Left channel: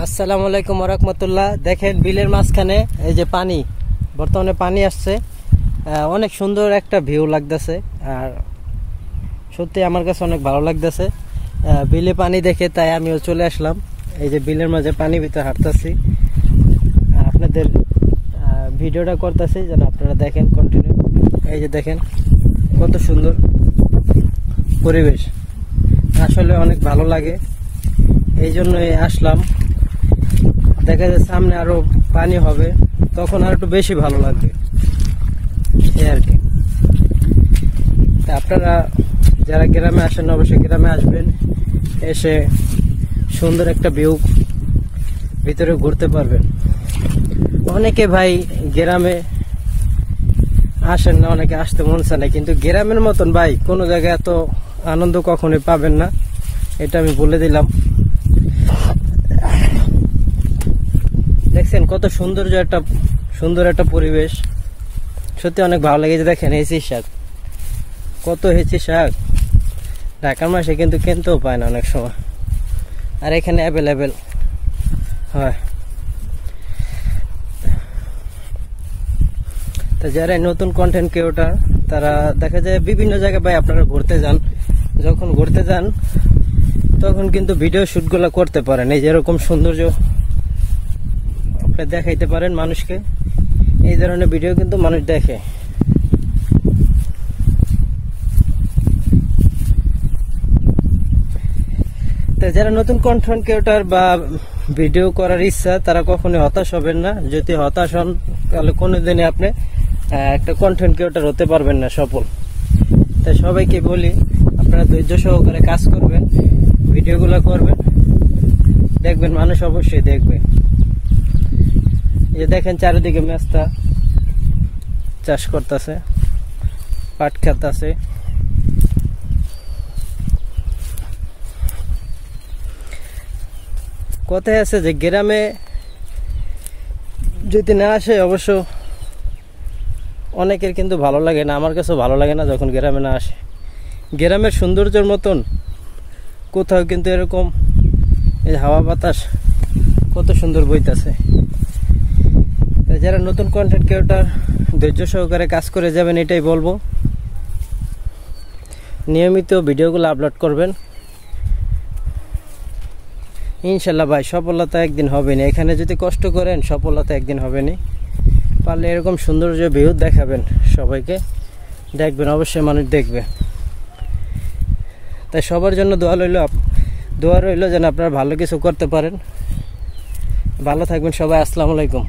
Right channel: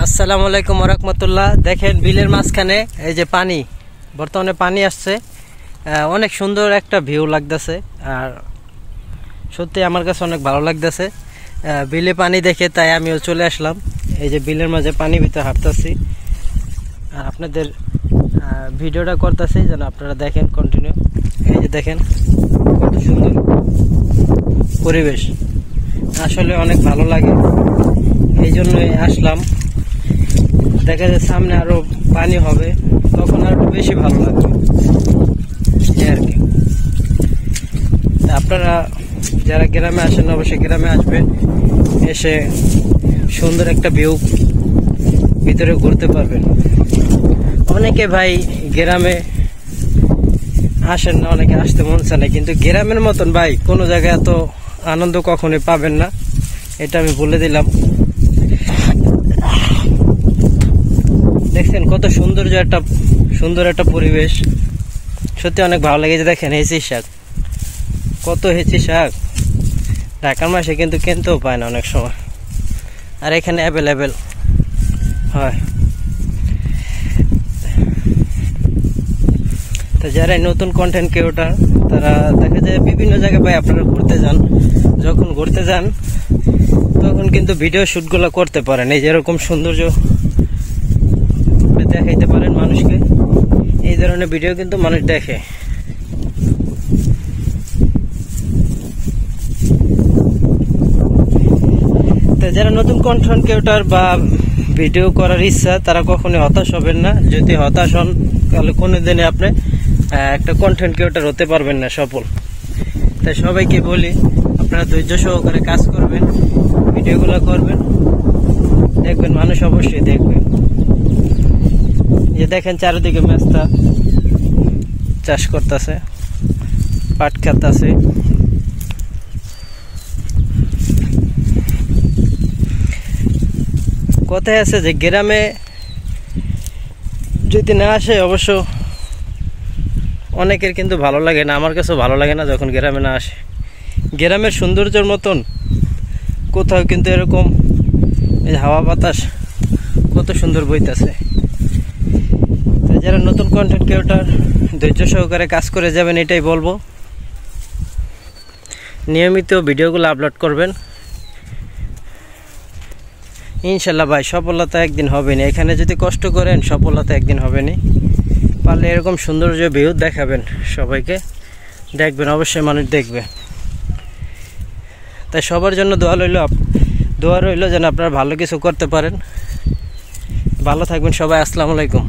আসসালামু আলাইকুম ওয়া রাহমাতুল্লাহ। দেখেন বিলের মাঝখানে এই যে পানি, বর্তমানে পানি আসছে, অনেক সুন্দর একটা ভিউ লাগতেছে। আর সত্যি আমার কাছে অনেক ভালো লাগতেছে বিলে পানি দেখে, তাই আমিও চলে আসলাম। এই যে বিলের মাঝে পানি ভিতরে হাঁটতেছি, আপনাদের ভিডিওটা করতেছি যেন আপনারা দেখেন কন্টিনিউ। এই যে দেখেন কত সুন্দর পরিবেশ, আসলে অনেক ভালো লাগে, এই জন্যই আসলাম। দেখা যায় সামনে আরো পানি হবে, তখন আর একটু বেশি ভালো লাগবে আর কি। আপনারা যারা গ্রামে আসেন অবশ্যই গ্রামে আসবেন, এসে সুন্দর একটা ভিউ ভিতরে ঘুরতে পারবেন। অনেকে ভাই গ্রামে আসেন না, অনেকে আসতে মন চায় না, কিন্তু গ্রামের মতন ভাই কোনো জায়গায় এত আনন্দ কখনোই পাবেন না, এটা আমি বলে দিলাম। দেখছেন কত সুন্দর একটা পরিবেশ, সত্যি অনেক ভালো লাগে। যে দেখেন হেঁচি শাক, কত হেঁচি শাক ঢাকার মাসে কিন্তু কিনতেও পায় না অনেক সময়, আর এখানে অ্যাভেলেবেল হয়। তো যারা নতুন কন্টেন্ট ক্রিয়েটর তারা দেখা যায় বিভিন্ন জায়গায় ভাই আপনারা ঘুরতে যান, যখন ঘুরতে যান তখন কিন্তু ভিডিও শুটগুলো করতে পারেন, এই যেরকম সৌন্দর্য দেখাইতে পারেন মানুষকে। এই ধরনের ভিডিও কিন্তু মানুষ দেখে। তো যারা নতুন কন্টেন্ট ক্রিয়েটর বা ভিডিও করার ইচ্ছা, তারা কখনোই হতাশ হবেন না। যদি হতাশ হন তাহলে কোনোদিনই আপনি একটা কন্টেন্ট ক্রিয়েটর হতে পারবেন না সফল। তাই সবাইকে বলি আপনারা ধৈর্য সহকারে কাজ করবেন, ভিডিওগুলো করবেন, দেখবেন মানুষ অবশ্যই দেখবে। যে দেখেন চারিদিকে মেস্তা চাষ করতেছে, পাট ক্ষেত আছে। কথায় আছে যে গ্রামে যদি না আসে অবশ্য অনেকের কিন্তু ভালো লাগে না, আমার কাছেও ভালো লাগে না যখন গ্রামে না আসে। গ্রামের সৌন্দর্যের মতন কোথাও কিন্তু এরকম এই হাওয়া বাতাস কত সুন্দর বইতেছে। তো যারা নতুন কন্টেন্ট ক্রিয়েটর ধৈর্য সহকারে কাজ করে যাবেন, এটাই বলবো। নিয়মিত ভিডিওগুলো আপলোড করবেন, ইনশাল্লাহ ভাই সফলতা একদিন হবে না। এখানে যদি কষ্ট করেন সফলতা একদিন হবে না। পারলে এরকম সৌন্দর্য ভিউ দেখাবেন সবাইকে, দেখবেন অবশ্যই মানুষ দেখবে। তাই সবার জন্য দোয়া রইল যেন আপনারা ভালো কিছু করতে পারেন। ভালো থাকবেন সবাই। আসসালামু আলাইকুম।